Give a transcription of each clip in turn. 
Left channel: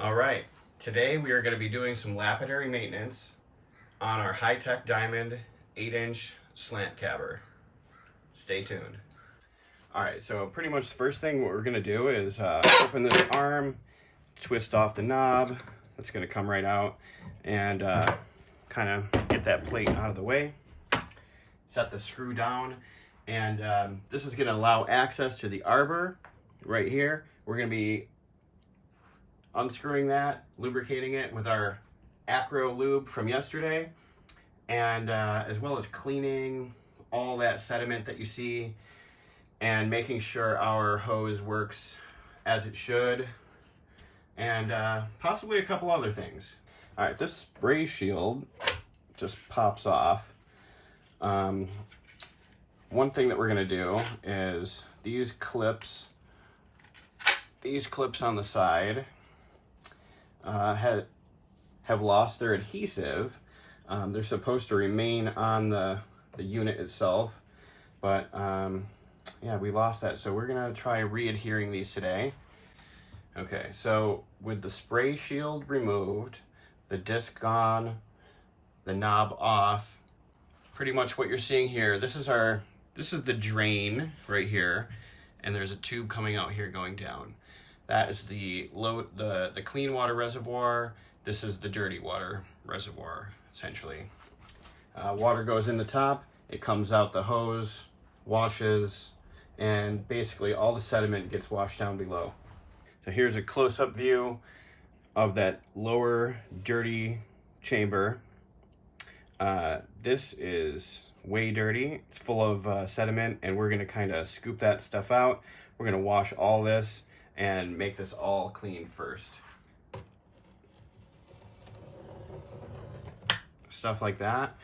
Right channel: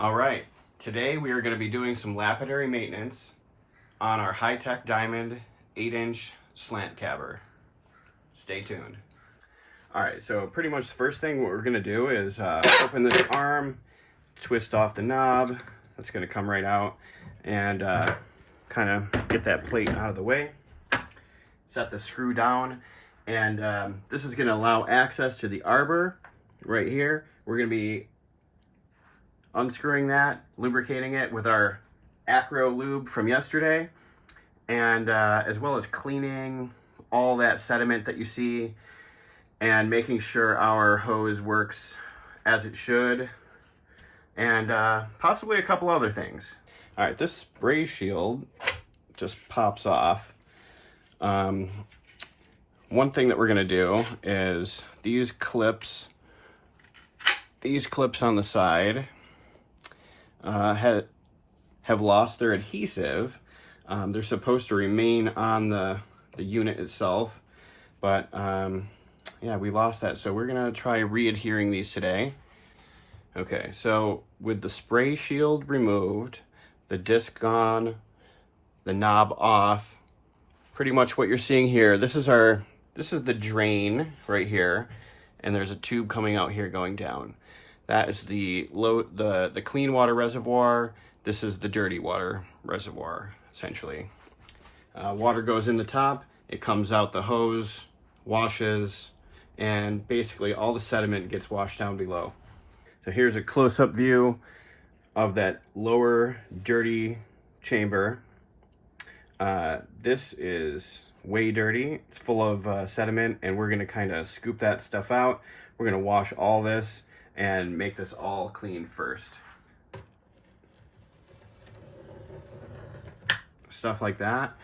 All right, today we are going to be doing some lapidary maintenance on our high-tech diamond 8-inch slant cabber. Stay tuned. All right, so pretty much the first thing what we're going to do is open this arm, twist off the knob. That's going to come right out, and kind of get that plate out of the way. Set the screw down, and this is going to allow access to the arbor right here. We're going to be unscrewing that, lubricating it with our Acro lube from yesterday, and as well as cleaning all that sediment that you see and making sure our hose works as it should, and possibly a couple other things. All right, this spray shield just pops off. One thing that we're gonna do is these clips on the side have lost their adhesive. They're supposed to remain on the unit itself, but yeah, we lost that, so we're gonna try re-adhering these today. Okay, so with the spray shield removed, the disc gone, the knob off, pretty much what you're seeing here, this is the drain right here, and there's a tube coming out here going down. That is the clean water reservoir. This is the dirty water reservoir, essentially. Water goes in the top, it comes out the hose, washes, and basically all the sediment gets washed down below. So here's a close-up view of that lower dirty chamber. This is way dirty. It's full of sediment, and we're gonna kind of scoop that stuff out. We're gonna wash all this and make this all clean first. Stuff like that,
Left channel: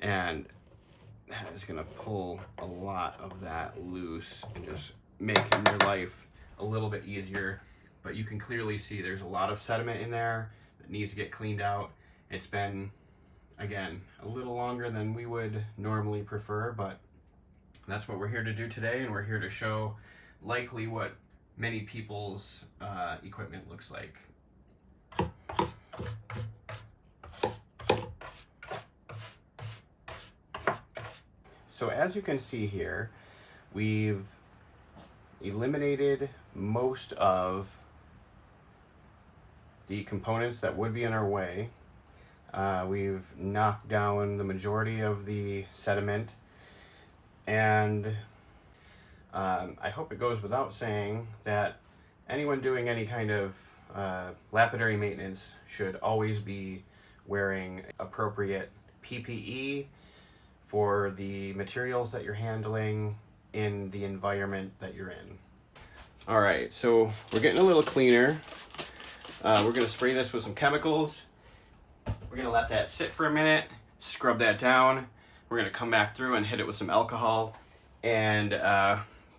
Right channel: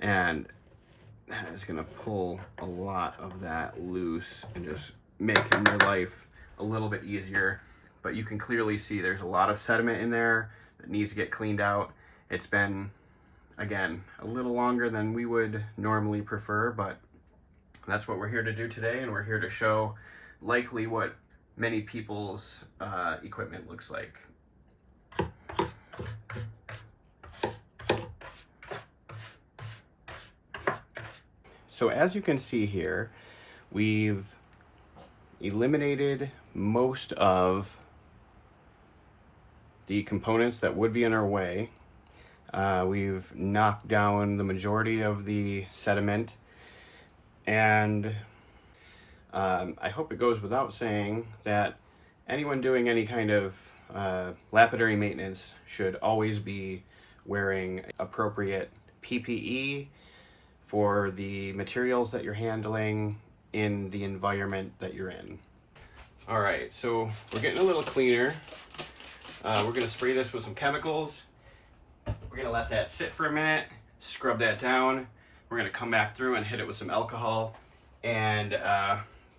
and that is gonna pull a lot of that loose and just make your life a little bit easier. But you can clearly see there's a lot of sediment in there that needs to get cleaned out. It's been, again, a little longer than we would normally prefer, but that's what we're here to do today, and we're here to show likely what many people's equipment looks like. So as you can see here, we've eliminated most of the components that would be in our way. We've knocked down the majority of the sediment, and I hope it goes without saying that anyone doing any kind of lapidary maintenance should always be wearing appropriate PPE for the materials that you're handling in the environment that you're in. All right, so we're getting a little cleaner. We're gonna spray this with some chemicals. We're gonna let that sit for a minute, scrub that down. We're gonna come back through and hit it with some alcohol, and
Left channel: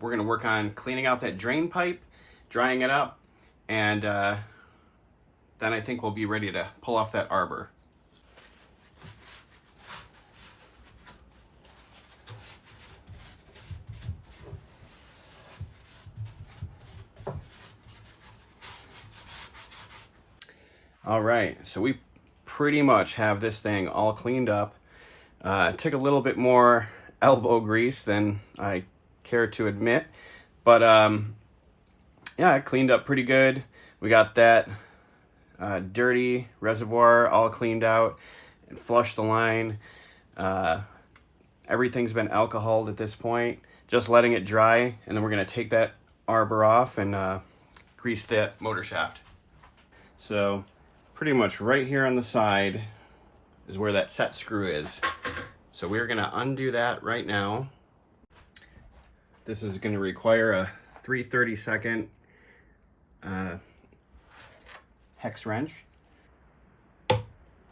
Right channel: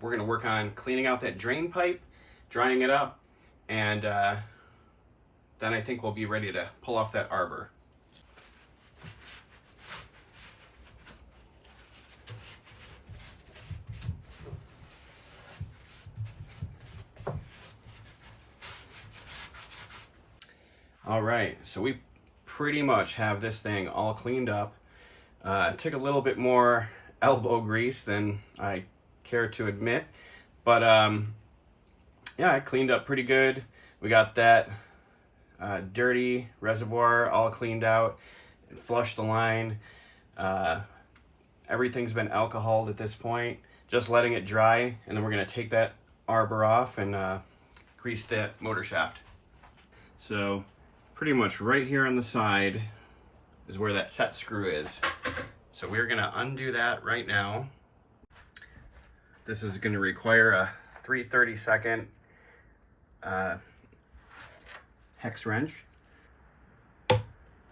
we're gonna work on cleaning out that drain pipe, drying it up, and then I think we'll be ready to pull off that arbor. All right, so we pretty much have this thing all cleaned up. It took a little bit more elbow grease than I care to admit, but yeah, it cleaned up pretty good. We got that dirty reservoir all cleaned out and flushed the line. Everything's been alcoholed at this point, just letting it dry, and then we're gonna take that arbor off and grease that motor shaft. So pretty much right here on the side is where that set screw is. So we're gonna undo that right now. This is gonna require a 3/32 hex wrench.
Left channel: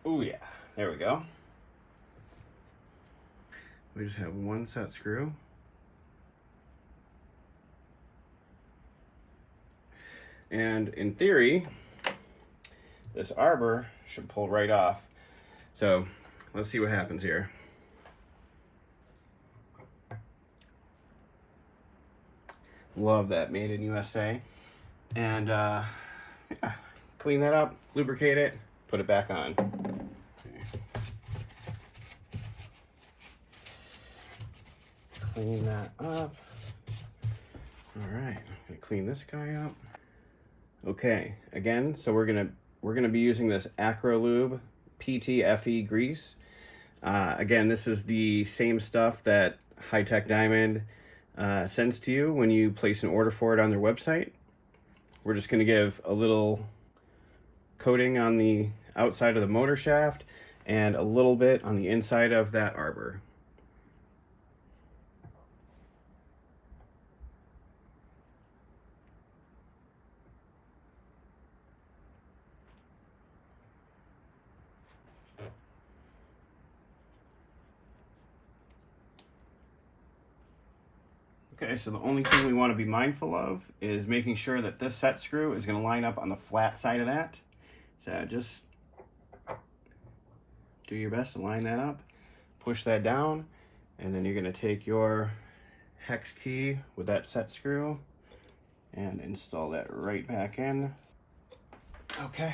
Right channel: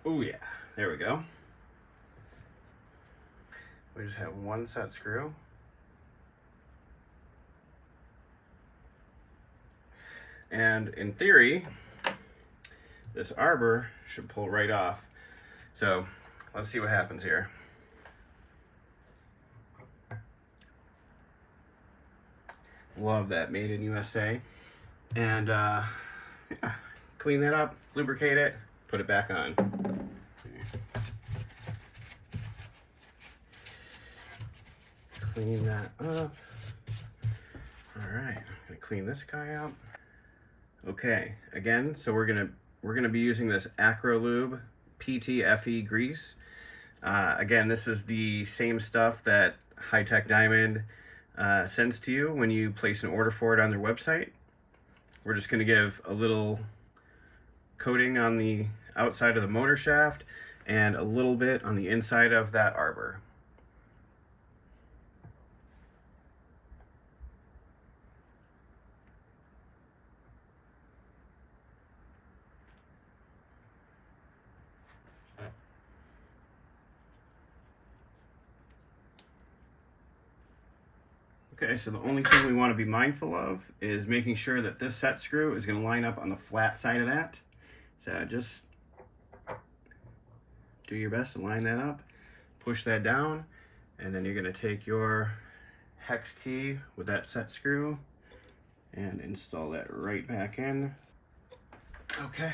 Oh yeah, there we go. We just have one set screw. And in theory, this arbor should pull right off. So let's see what happens here. Love that, made in USA. And yeah, clean that up, lubricate it, put it back on. Clean that up. All right, I'm gonna clean this guy up. Okay, again, so we're gonna be using this Acrolube PTFE grease. Again, this is the same stuff that High Tech Diamond sends to you when you place an order for it on their website. We're just gonna give a little coating on the outside of the motor shaft and a little bit on the inside of that arbor. Okay, so the only thing we want to be mindful of is making sure that this set screw is going to line up on the flat side of that. So just do your best to line that up, push that down, and then you're going to take your hex key with that set screw and install that right back in. Okay.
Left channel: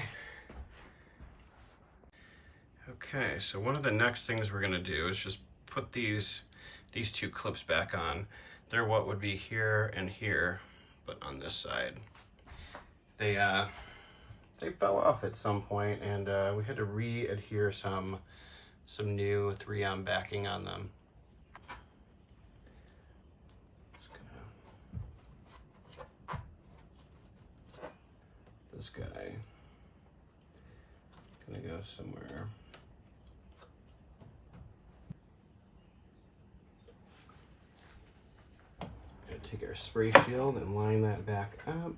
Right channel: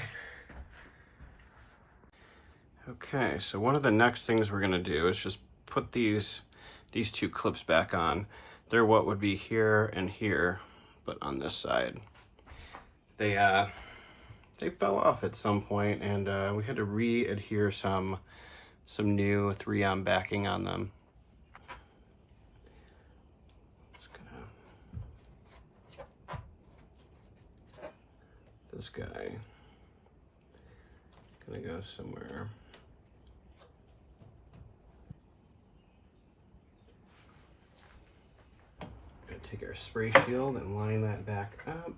Okay, so one of the next things we're going to do is just put these two clips back on. They're what would be here and here, but on this side. They fell off at some point, and we had to re-adhere some new 3M backing on them. This guy gonna go somewhere. Take our spray shield and line that back up.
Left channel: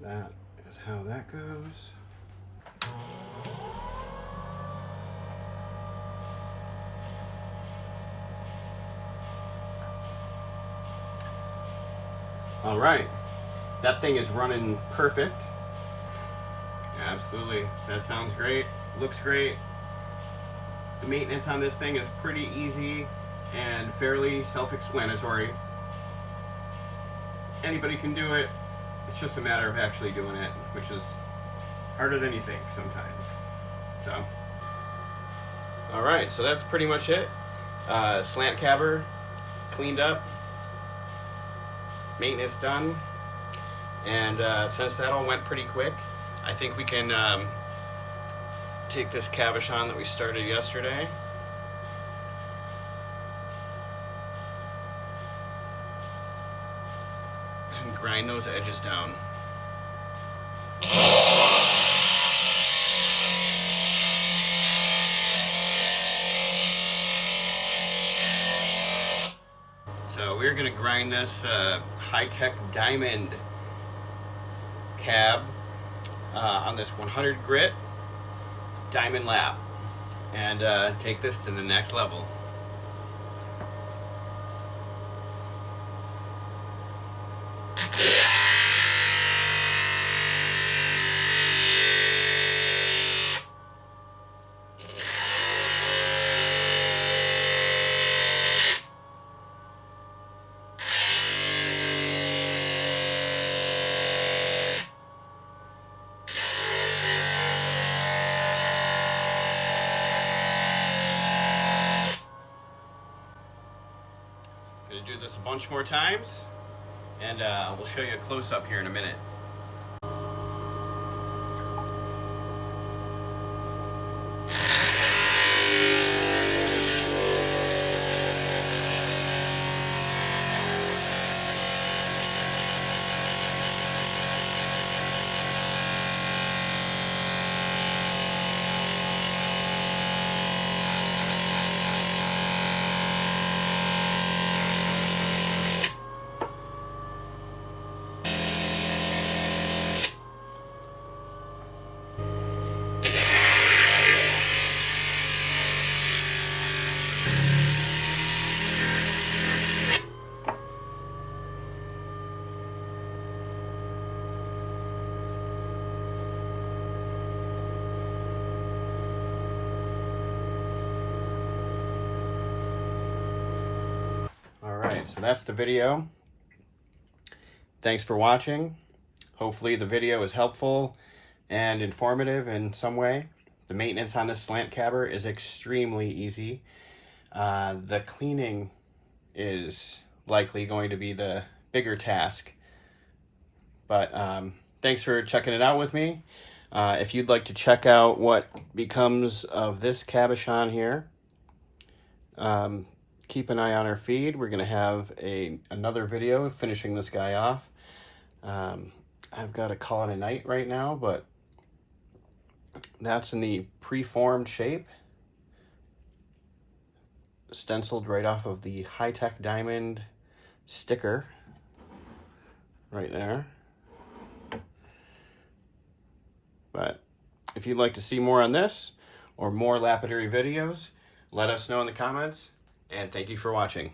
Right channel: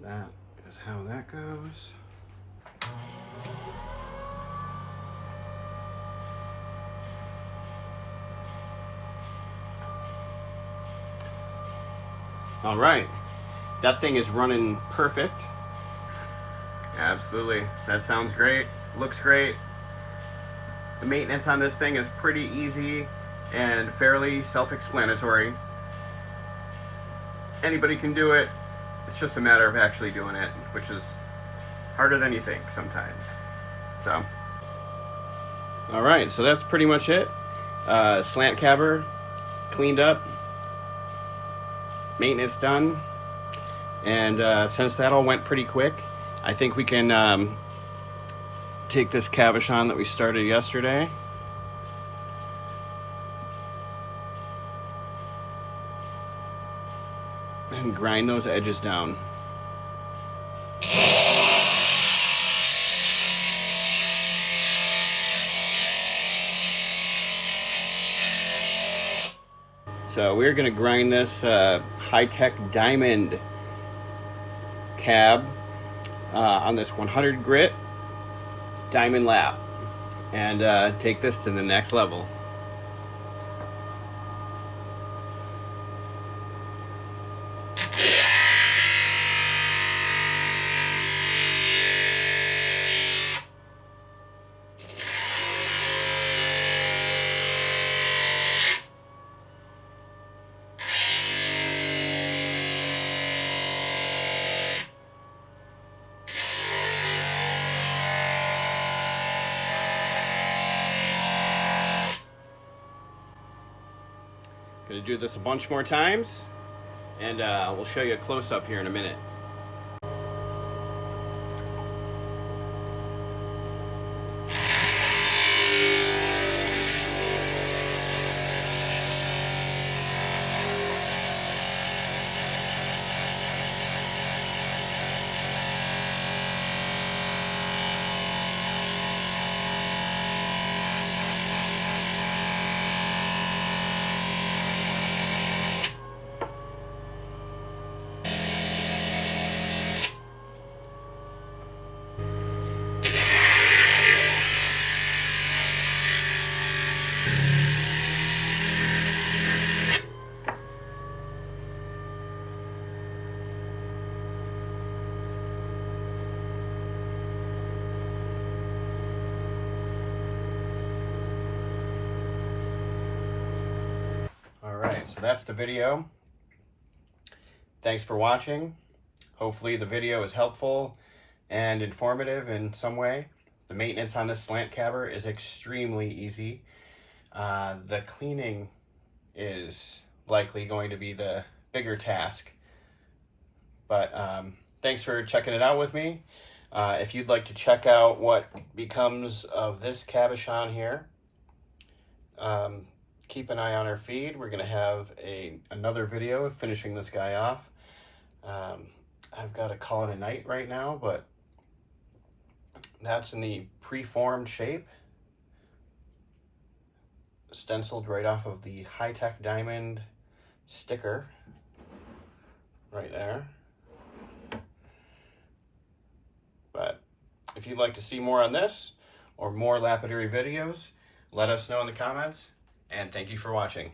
That is how that goes. All right, that thing is running perfect. Absolutely, that sounds great, looks great. The maintenance on this thing is pretty easy and fairly self-explanatory. Anybody can do it. It's just a matter of actually doing it, which is harder than you think sometimes. So, all right, so that's pretty much it. Slant cabber cleaned up, maintenance done, and since that all went pretty quick, I think we can take this cabochon that we started yesterday and grind those edges down. So we're going to grind this High Tech Diamond cab on this 100 grit diamond lap and take this to the next level. Gonna do this a bunch more times, and we'll show you a close-up here in a minute. So that's the video. Thanks for watching. Hopefully the video is helpful and informative in some way. The maintenance on this slant cabber is extremely easy. The cleaning is likely going to be the bigger task. But thanks for checking it out with me. If you'd like to check out what becomes of this cabochon here, keep an eye on our feed. We're going to have another video finishing this guy off. I've got to call it a night right now, but that's in the preformed shape, stenciled right off of the high-tech diamond sticker right there. But if you'd like to see more on this or more lapidary videos, let us know in the comments, and thank you for watching.